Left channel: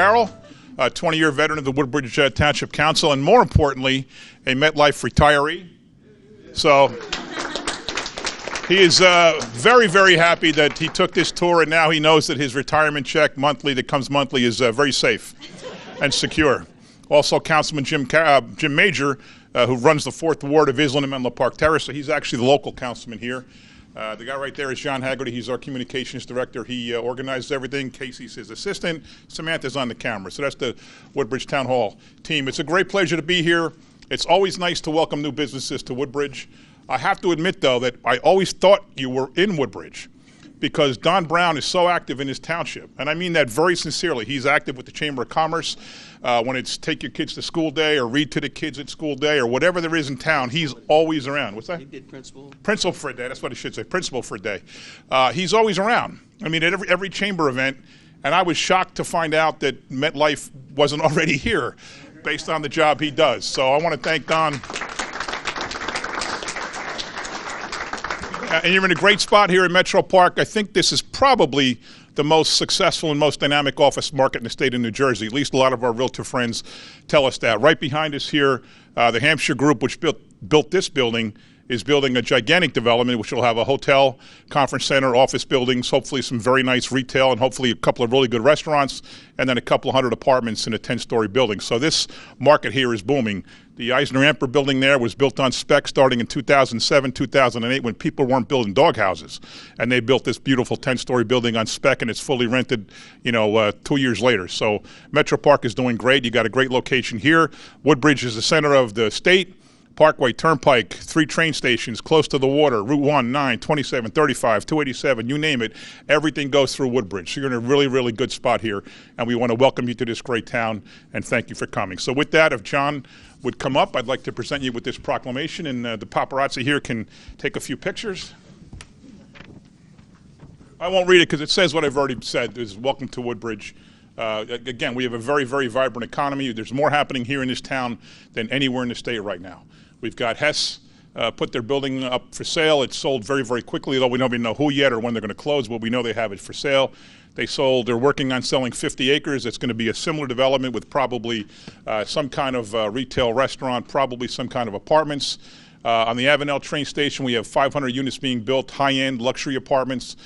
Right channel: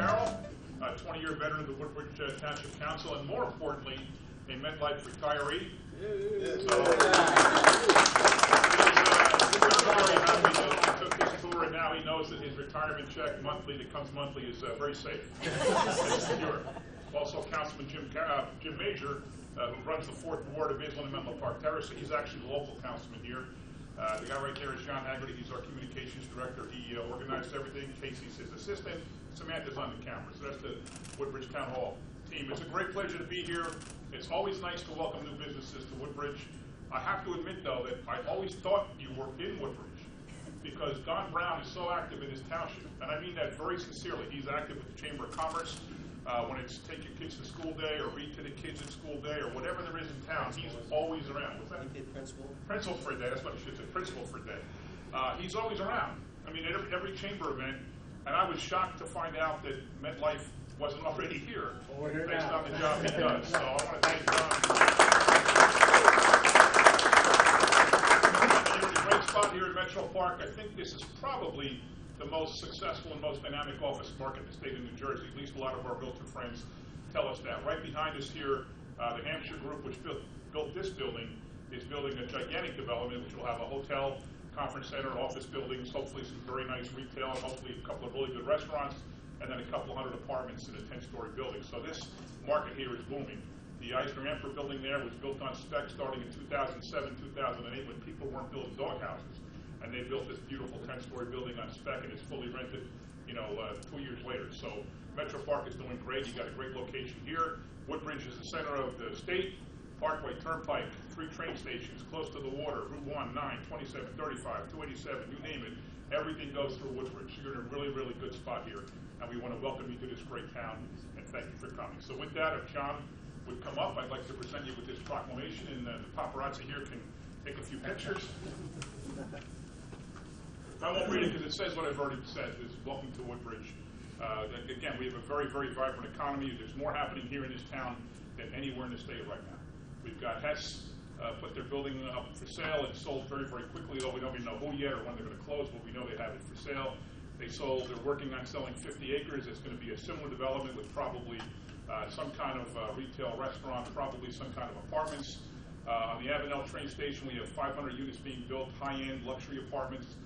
Carroll, a 20-year veteran of the Woodbridge Township Council, and more importantly, a Metlife retiree. So he is very, very happy that he took this tour, and now he knows that his retirement check monthly that comes monthly is very safe and secure. Also, Councilman Jim Major, who runs the 4th Ward of Island and Menlo Park Terrace, so he's actually the local councilman here. The guy right there is John Haggerty. He's our communications director. He organizes everything. Casey's his assistant. Samantha's on the camera. So that's the Woodbridge Town Hall team. It's a great pleasure to be here. It's always nice to welcome new businesses to Woodbridge. I have to admit, though, that I always thought you were in Woodbridge because Don Brown is so active in his township. And I mean that very sincerely. He's active with the Chamber of Commerce. When it's take your kids to school day or read to the kids at school day or whatever there is in town, he's always around. What's that? He did principal. Principal for a day, that's what I should say, principal for a day. He's always around. I mean, at every chamber event, and I was shocked to find out that Metlife wasn't already here based on the job he does. So I want to thank Don. And you're in a great spot here in Metro Park. I think this is probably the most successful and most dynamic office market in the state of New Jersey. At least a lot of our realtor friends tell us that. Right behind us here, the Hampshire Group, which built this building, is building a gigantic development which will have a hotel, conference center, office buildings, hopefully some very nice retail, and hopefully a couple of really good restaurants, and then a couple of hundred apartments in a 10-story building. So this market here is booming. The Eisner-Amper building there was built on spec starting in 2007, 2008 when people weren't building dog houses. And they built this beautiful 10-story building on spec, and it's fully rented, 2 years later. So Metro Park is doing great. You got a great location here. Woodbridge is the center of the state. Parkway, Turnpike, 3 train stations, close to the water, Route 1, 9, 27, 35, 287, you name it. Everything goes through Woodbridge. So you're in a really, really good spot here. And we want to welcome you to this great town and thank you for coming. So with that, if John would come up, I'd like to present you with this proclamation, and the paparazzi here can take a few pictures. I won't read it because it says what I've already said. It's welcome to Woodbridge. Again, we have a very, very vibrant economy. There's more happening here in this town than anywhere in the state right now. We've got Hess put their building up for sale. It's sold very, very quickly, though we don't even know who yet or when they're going to close, but we know they have it for sale. They're working on selling 50 acres. It's going to be a similar development with probably some kind of retail restaurant, probably some kind of apartments. On the Avenel train station, we have 500 units being built, high-end luxury apartments.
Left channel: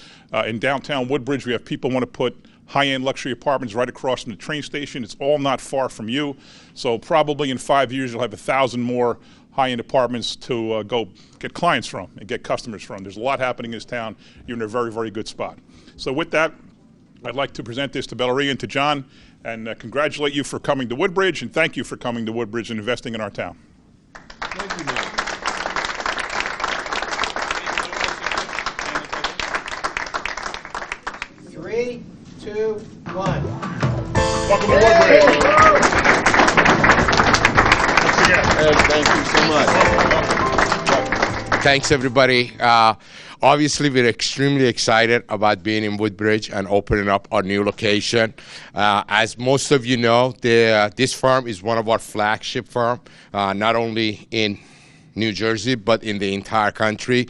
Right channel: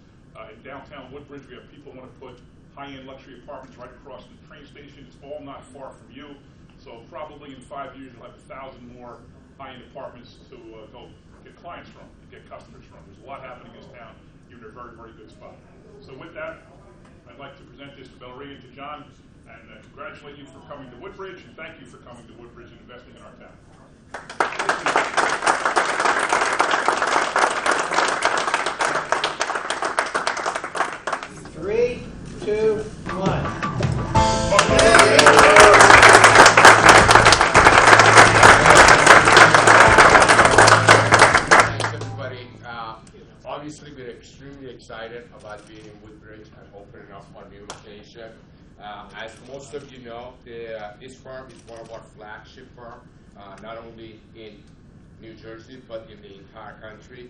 In downtown Woodbridge, we have people want to put high-end luxury apartments right across from the train station. It's all not far from you. So probably in 5 years, you'll have 1,000 more high-end apartments to go get clients from and get customers from. There's a lot happening in this town. You're in a very, very good spot. So with that, I'd like to present this to Belleria and to John and congratulate you for coming to Woodbridge and thank you for coming to Woodbridge and investing in our town. 3, 2, 1. Thanks, everybody. Obviously, we're extremely excited about being in Woodbridge and opening up our new location. As most of you know, this firm is one of our flagship firms, not only in New Jersey, but in the entire country.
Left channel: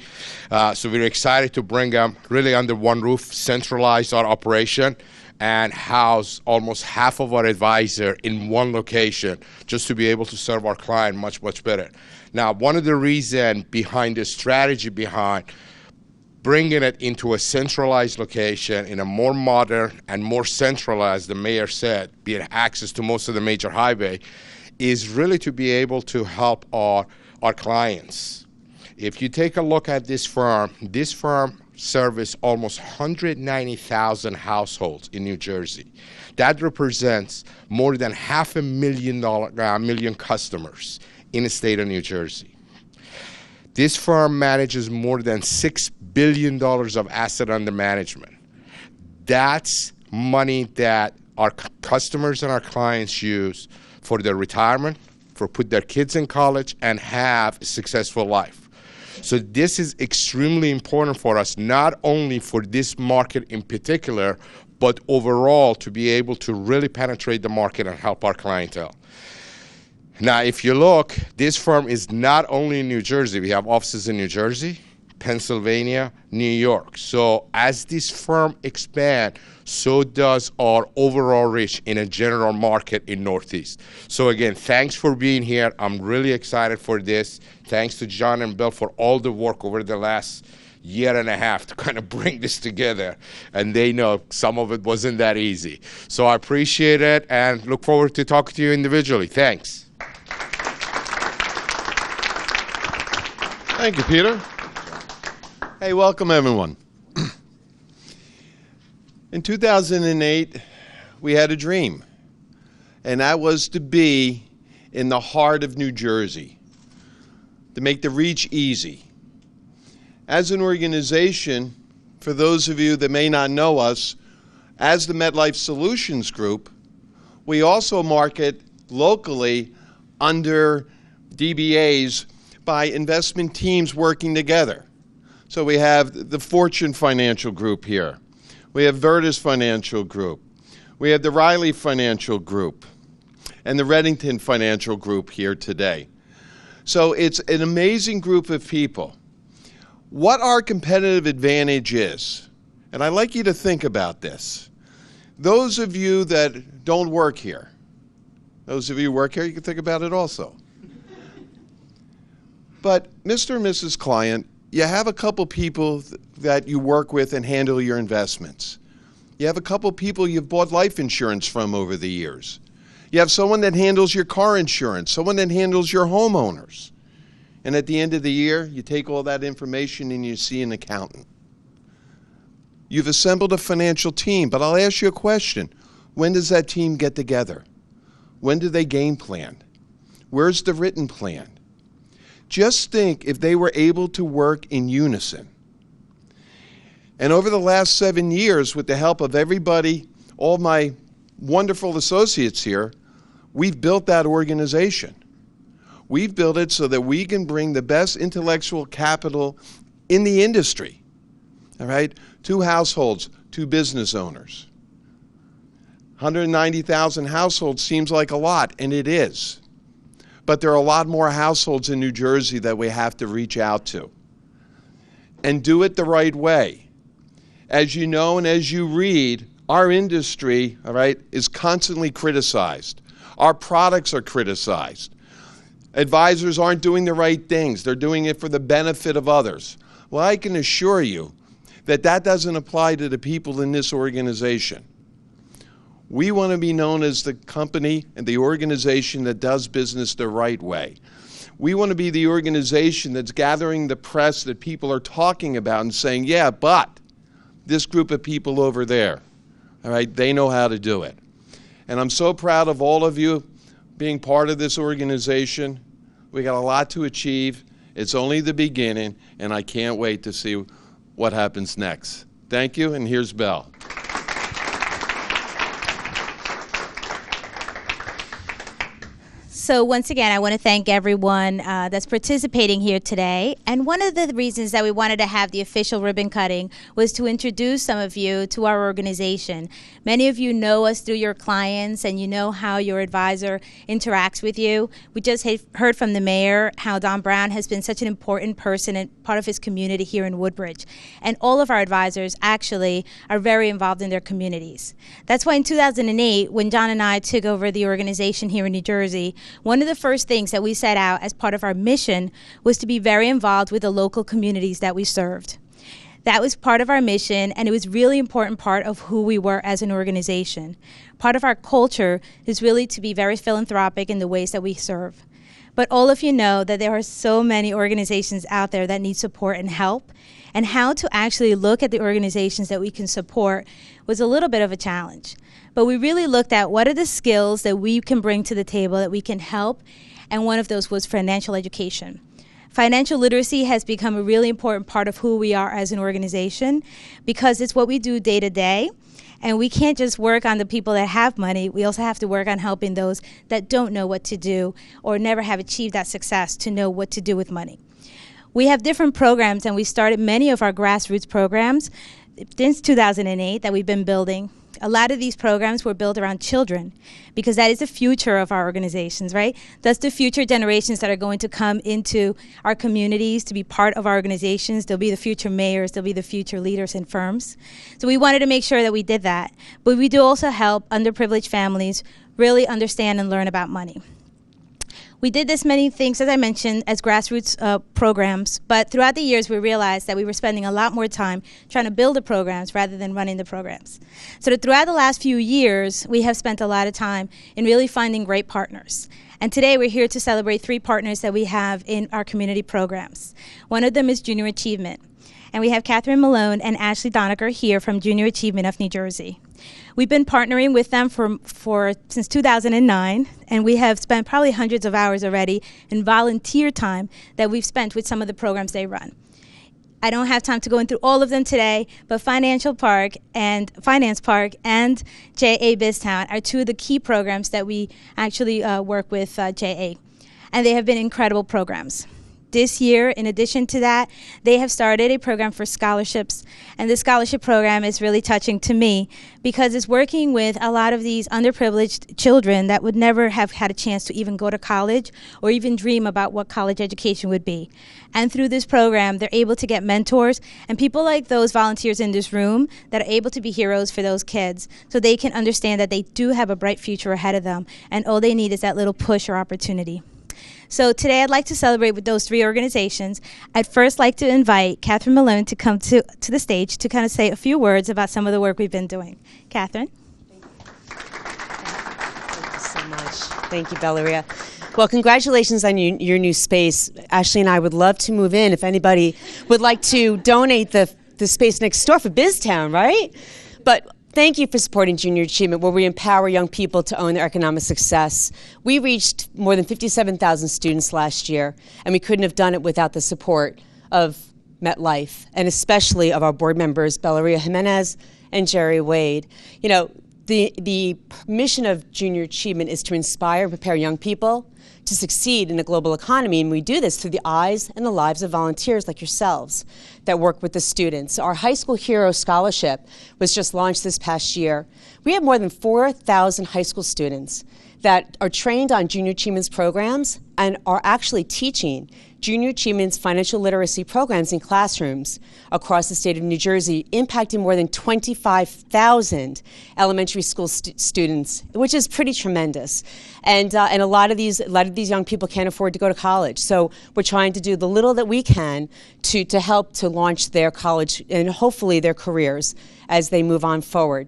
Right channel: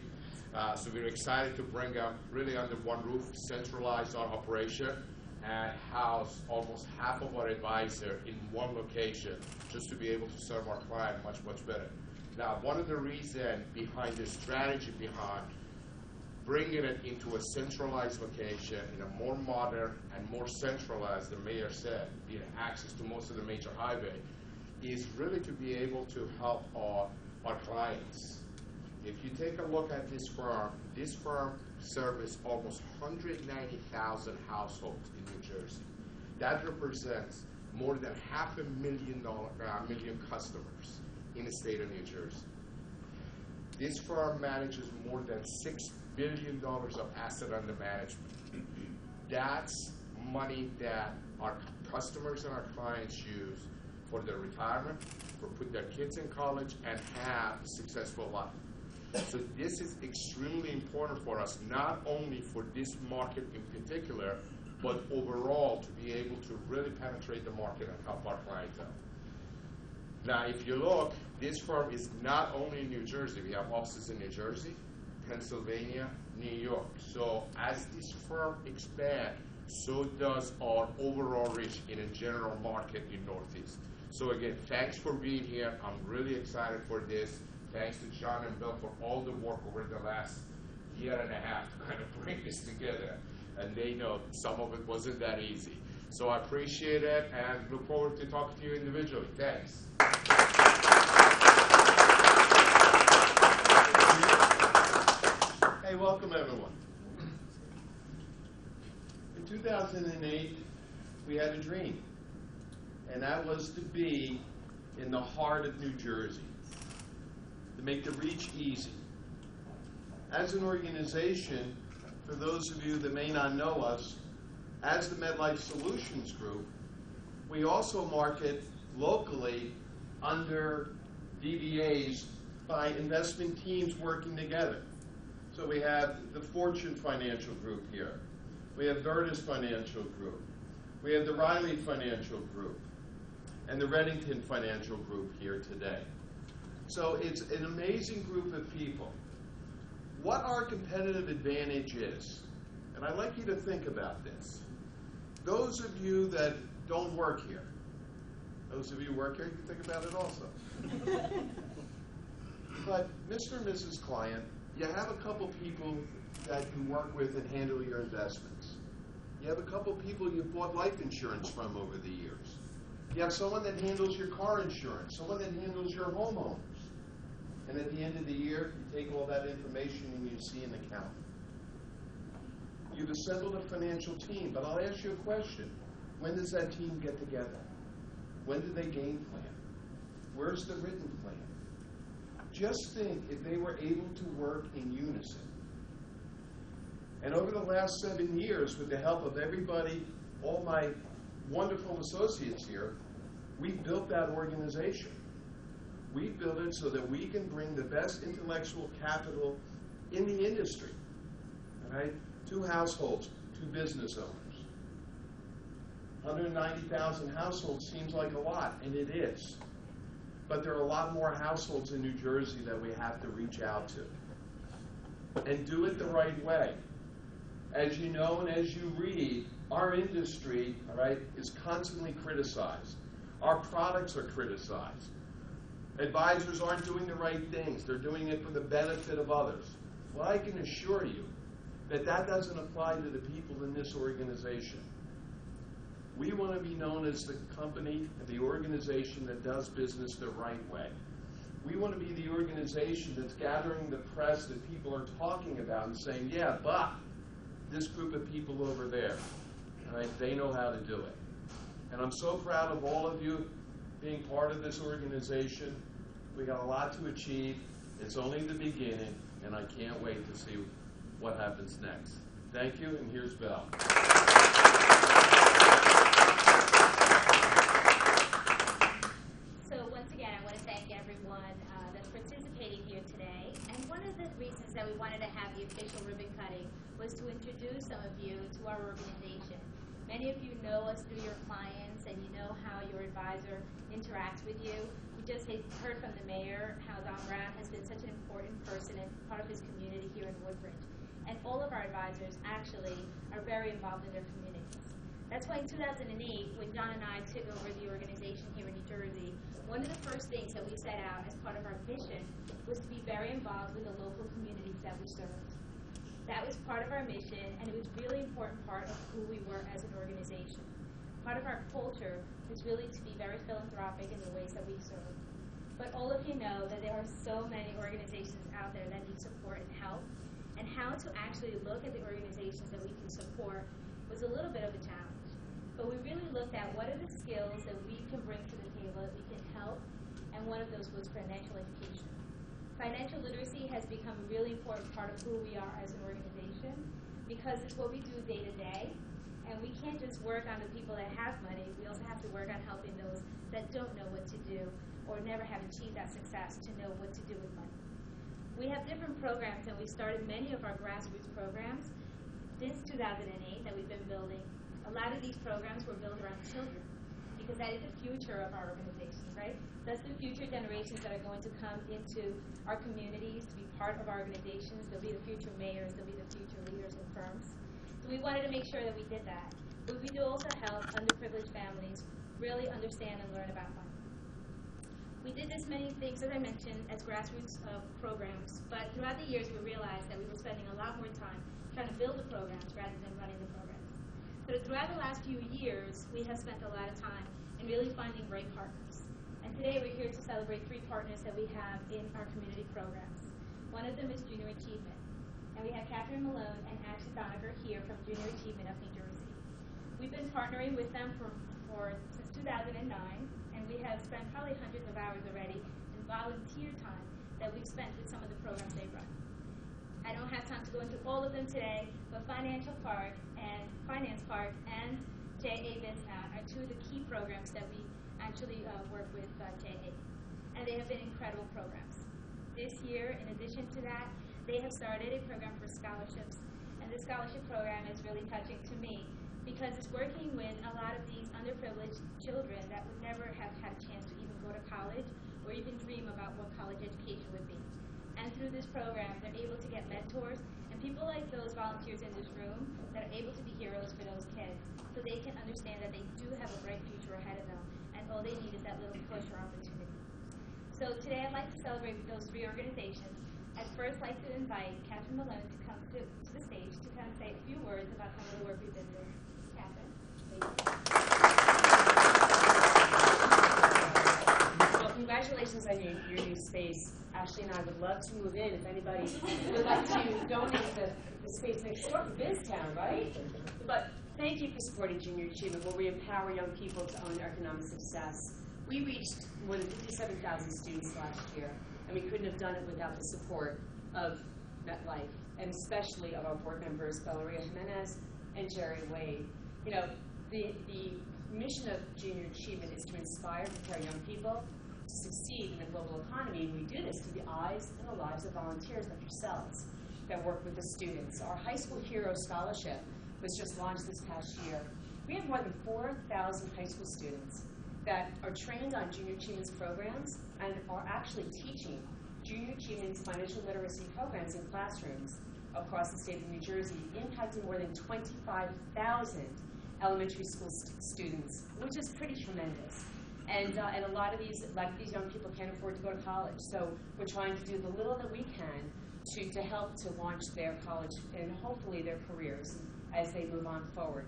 So we're excited to bring them really under one roof, centralize our operation, and house almost half of our advisor in one location just to be able to serve our client much, much better. Now, one of the reasons behind the strategy behind bringing it into a centralized location in a more modern and more centralized, the mayor said, be it access to most of the major highway, is really to be able to help our clients. If you take a look at this firm services almost 190,000 households in New Jersey. That represents more than 500,000 customers in the state of New Jersey. This firm manages more than $6 billion of asset under management. That's money that our customers and our clients use for their retirement, for put their kids in college, and have a successful life. So this is extremely important for us, not only for this market in particular, but overall to be able to really penetrate the market and help our clientele. Now, if you look, this firm is not only in New Jersey. We have offices in New Jersey, Pennsylvania, New York. So as this firm expands so does our overall reach in a general market in Northeast. So again, thanks for being here. I'm really excited for this. Thanks to John and Bill for all the work over the last year and a half to kind of bring this together. And they know some of it wasn't that easy. So I appreciate it and look forward to talking to you individually. Thanks. Thank you, Peter. Hey, welcome everyone. In 2008, we had a dream, and that was to be in the heart of New Jersey, to make the reach easy. As an organization, for those of you that may not know us, as the Metlife Solutions Group, we also market locally under DBAs by investment teams working together. So we have the Fortune Financial Group here. We have Virtus Financial Group. We have the Riley Financial Group and the Reddington Financial Group here today. So it's an amazing group of people. What our competitive advantage is, and I'd like you to think about this. Those of you that don't work here, those of you who work here, you can think about it also. But Mr. and Mrs. Client, you have a couple people that you work with and handle your investments. You have a couple people you've bought life insurance from over the years. You have someone that handles your car insurance, someone that handles your homeowners. And at the end of the year, you take all that information and you see an accountant. You've assembled a financial team, but I'll ask you a question. When does that team get together? When do they game plan? Where's the written plan? Just think if they were able to work in unison. And over the last 7 years, with the help of everybody, all my wonderful associates here, we've built that organization. We've built it so that we can bring the best intellectual capital in the industry, all right? 2 households, 2 business owners. 190,000 households seems like a lot, and it is. But there are a lot more households in New Jersey that we have to reach out to. And do it the right way. As you know and as you read, our industry, all right, is constantly criticized. Our products are criticized. Advisors aren't doing the right things. They're doing it for the benefit of others. Well, I can assure you that that doesn't apply to the people in this organization. We want to be known as the company and the organization that does business the right way. We want to be the organization that's gathering the press that people are talking about and saying, yeah, but this group of people over there, all right, they know how to do it. And I'm so proud of all of you being part of this organization. We got a lot to achieve. It's only the beginning, and I can't wait to see what happens next. Thank you, and here's Belle. So once again, I want to thank everyone that's participating here today. And one of the reasons that we wanted to have the official ribbon cutting was to introduce some of you to our organization. Many of you know us through your clients, and you know how your advisor interacts with you. We just heard from the mayor how Don Brown has been such an important person and part of his community here in Woodbridge. And all of our advisors actually are very involved in their communities. That's why in 2008, when John and I took over the organization here in New Jersey, one of the first things that we set out as part of our mission was to be very involved with the local communities that we served. That was part of our mission, and it was really important part of who we were as an organization. Part of our culture is really to be very philanthropic in the ways that we serve. But all of you know that there are so many organizations out there that need support and help, and how to actually look at the organizations that we can support was a little bit of a challenge. But we really looked at what are the skills that we can bring to the table that we can help, and one of those was financial education. Financial literacy has become a really important part of who we are as an organization because it's what we do day to day, and we can't just work on the people that have money. We also have to work on helping those that don't know what to do or never have achieved that success to know what to do with money. We have different programs, and we started many of our grassroots programs since 2008 that we've been building. A lot of these programs were built around children because that is the future of our organizations, right? That's the future generations that are going to come into our communities to be part of our organizations. They'll be the future mayors. They'll be the future leaders in firms. So we wanted to make sure that we did that. But we do also help underprivileged families really understand and learn about money. We did this many things, as I mentioned, as grassroots programs, but throughout the years we realized that we were spending a lot more time trying to build the programs rather than running the programs. So that throughout the last few years, we have spent a lot of time in really finding great partners. And today we're here to celebrate 3 partners that we have in our community programs. One of them is Junior Achievement. And we have Catherine Malone and Ashley Donaker here from Junior Achievement of New Jersey. We've been partnering with them since 2009, and we have spent probably hundreds of hours already in volunteer time that we've spent with some of the programs they run. I don't have time to go into all of them today, but Finance Park and JA BizTown are 2 of the key programs that we actually work with JA, and they have been incredible programs. This year, in addition to that, they have started a program for scholarships, and the scholarship program is really touching to me because it's working with a lot of these underprivileged children that would never have had a chance to even go to college or even dream about what college education would be. And through this program, they're able to get mentors and people like those volunteers in this room that are able to be heroes for those kids so they can understand that they do have a bright future ahead of them, and all they need is that little push or opportunity. So today I'd like to celebrate with those 3 organizations. I'd first like to invite Catherine Malone to come to the stage to kind of say a few words about some of the work we've been doing. Catherine. Thank you, Valeria. Well, congratulations on your new space. Ashley and I would love to move in if anybody would like to donate the space next door for BizTown, right? But thank you for supporting Junior Achievement, where we empower young people to own their economic success. We reached more than 57,000 students last year, and we couldn't have done it without the support of Metlife, and especially of our board members, Valeria Jimenez and Jerry Wade. You know, the mission of Junior Achievement is to inspire and prepare young people to succeed in a global economy, and we do this through the eyes and the lives of volunteers like yourselves that work with the students. Our High School Hero Scholarship was just launched this past year. We have more than 4,000 high school students that are trained on Junior Achievement's programs and are actually teaching Junior Achievement's financial literacy programs in classrooms across the state of New Jersey, impacting more than 25,000 elementary school students, which is pretty tremendous. And a lot of these young people can't afford to go to college. So we're trying to do the little that we can to help to launch their college and hopefully their careers as they move on forward.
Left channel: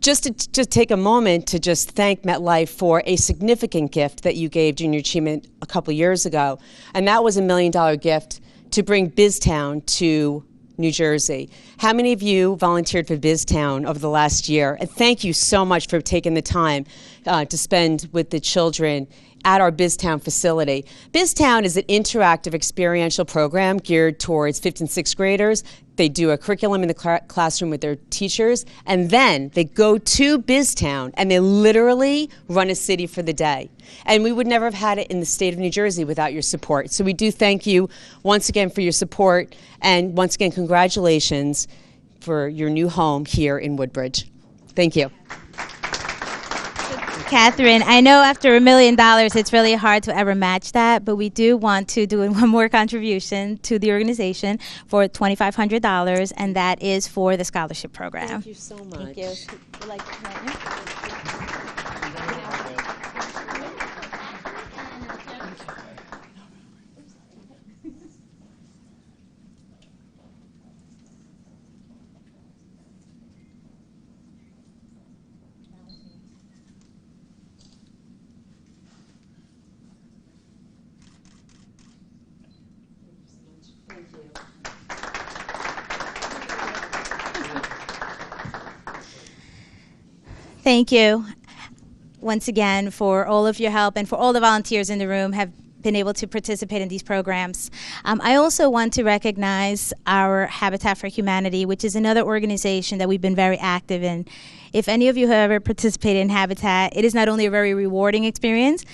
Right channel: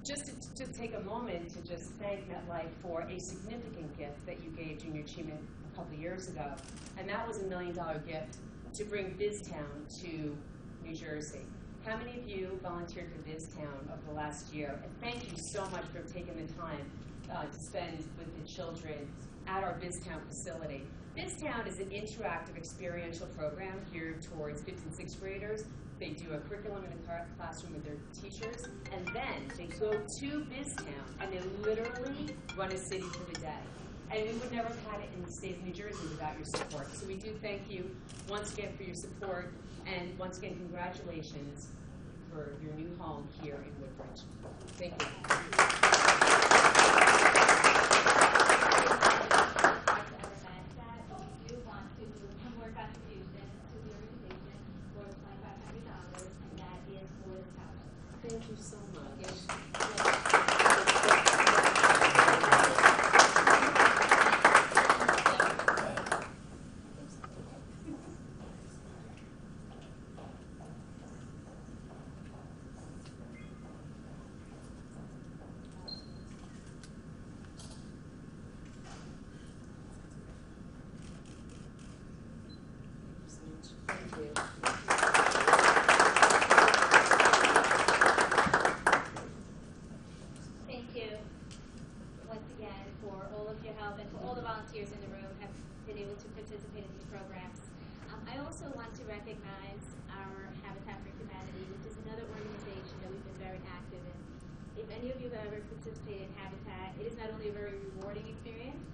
Just to take a moment to just thank Metlife for a significant gift that you gave Junior Achievement a couple years ago, and that was $1 million gift to bring BizTown to New Jersey. How many of you volunteered for BizTown over the last year? And thank you so much for taking the time to spend with the children at our BizTown facility. BizTown is an interactive experiential program geared towards 5th and 6th graders. They do a curriculum in the classroom with their teachers, and then they go to BizTown and they literally run a city for the day. And we would never have had it in the state of New Jersey without your support. So we do thank you once again for your support, and once again, congratulations for your new home here in Woodbridge. Thank you. Catherine, I know after $1 million, it's really hard to ever match that, but we do want to do one more contribution to the organization for $2,500, and that is for the scholarship program. Thank you so much. Thank you. Thank you once again for all of your help and for all the volunteers in the room have been able to participate in these programs. I also want to recognize our Habitat for Humanity, which is another organization that we've been very active in. If any of you have ever participated in Habitat, it is not only a very rewarding experience,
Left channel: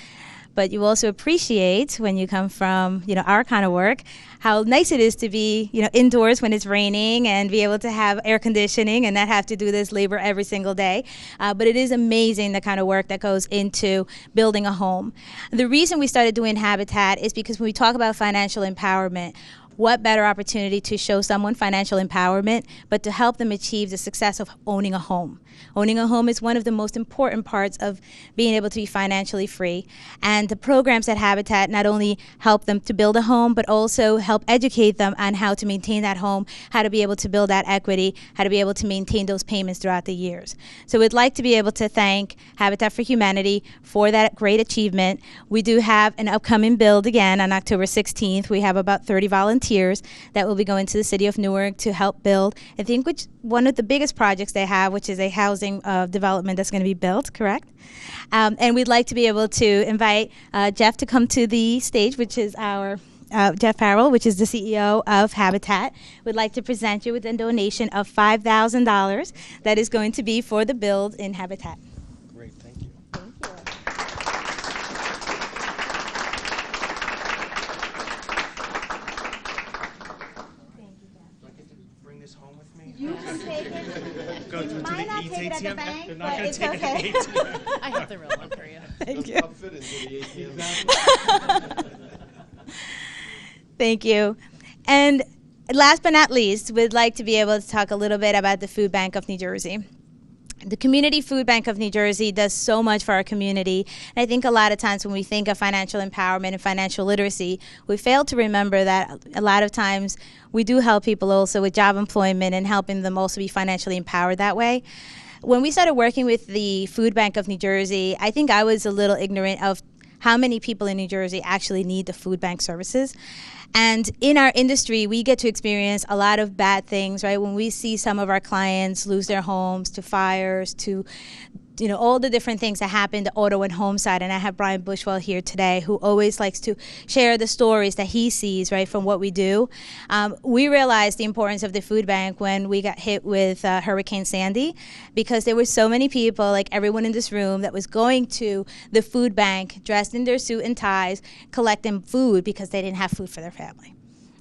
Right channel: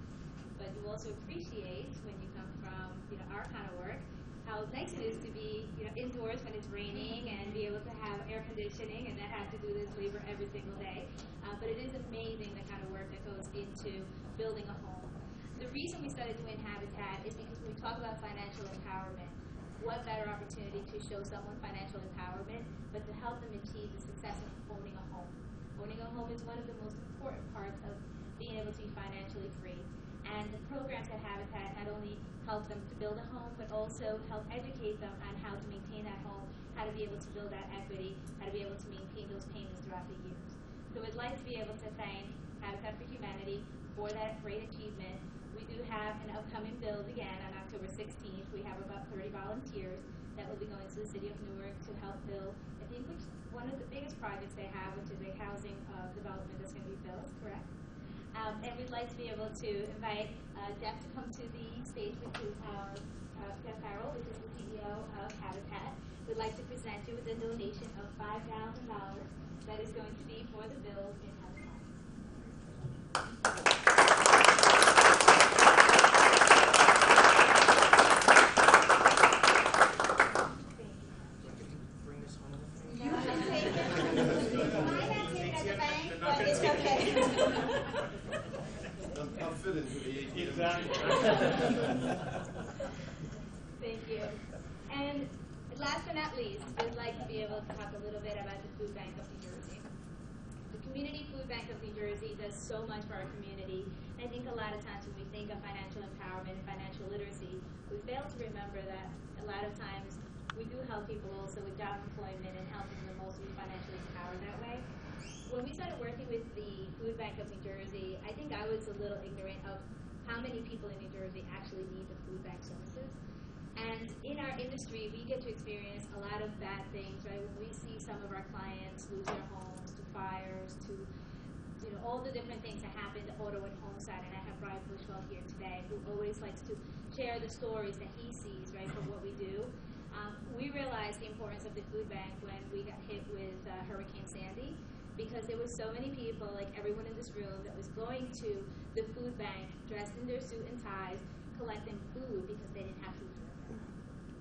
but you also appreciate when you come from, our kind of work, how nice it is to be, indoors when it's raining and be able to have air conditioning and not have to do this labor every single day. But it is amazing the kind of work that goes into building a home. The reason we started doing Habitat is because when we talk about financial empowerment, what better opportunity to show someone financial empowerment, but to help them achieve the success of owning a home. Owning a home is one of the most important parts of being able to be financially free. And the programs at Habitat not only help them to build a home, but also help educate them on how to maintain that home, how to be able to build that equity, how to be able to maintain those payments throughout the years. So we'd like to be able to thank Habitat for Humanity for that great achievement. We do have an upcoming build again on October 16th. We have about 30 volunteers that will be going to the city of Newark to help build, I think, one of the biggest projects they have, which is a housing development that's going to be built, correct? And we'd like to be able to invite Jeff to come to the stage, which is our Jeff Farrell, which is the CEO of Habitat. We'd like to present you with a donation of $5,000 that is going to be for the build in Habitat. Great, thank you. Bring this home with me. You can take it. Go to the Might not take it at the ATM. bank, They're not but going to it's take it okay. at the ATM. I have the real one for you. Thank you. I'll fit into the ATM. Thank you. And last but not least, we'd like to be able to talk a little bit about the Food Bank of New Jersey. The Community Food Bank of New Jersey does so much for our community. And I think a lot of times when we think of financial empowerment and financial literacy, we fail to remember that a lot of times we do help people also with job employment and helping them also be financially empowered that way. When we started working with the Food Bank of New Jersey, I think I was a little ignorant of how many people in New Jersey actually need the food bank services. And in our industry, we get to experience a lot of bad things, right? When we see some of our clients lose their homes to fires, to all the different things that happen to auto and home side. And I have Brian Bushwell here today, who always likes to share the stories that he sees, right, from what we do. We realized the importance of the food bank when we got hit with Hurricane Sandy, because there were so many people, like everyone in this room, that was going to the food bank dressed in their suit and ties, collecting food because they didn't have food for their family.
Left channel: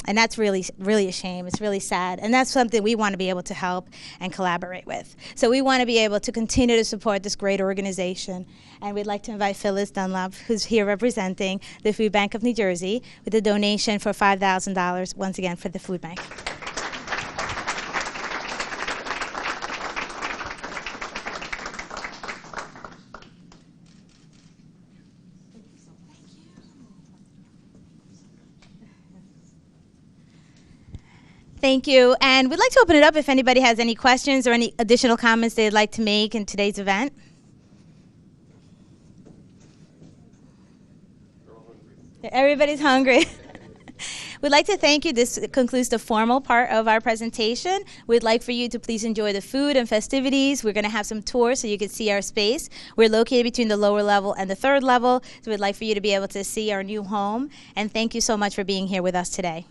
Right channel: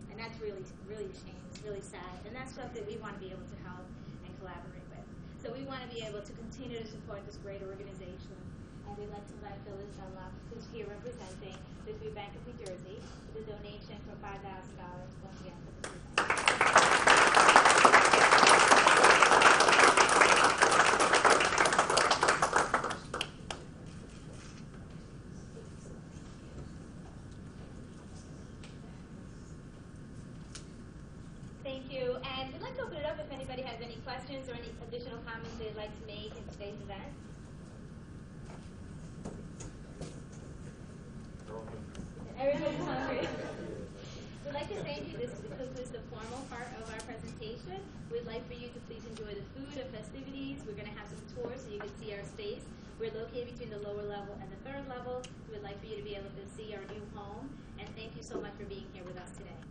And that's really, really a shame. It's really sad. And that's something we want to be able to help and collaborate with. So we want to be able to continue to support this great organization. And we'd like to invite Phyllis Dunlop, who's here representing the Food Bank of New Jersey, with a donation for $5,000, once again, for the food bank. Thank you. And we'd like to open it up if anybody has any questions or any additional comments they'd like to make in today's event. Everybody's hungry. We'd like to thank you. This concludes the formal part of our presentation. We'd like for you to please enjoy the food and festivities. We're going to have some tours so you can see our space. We're located between the lower level and the third level, so we'd like for you to be able to see our new home. And thank you so much for being here with us today.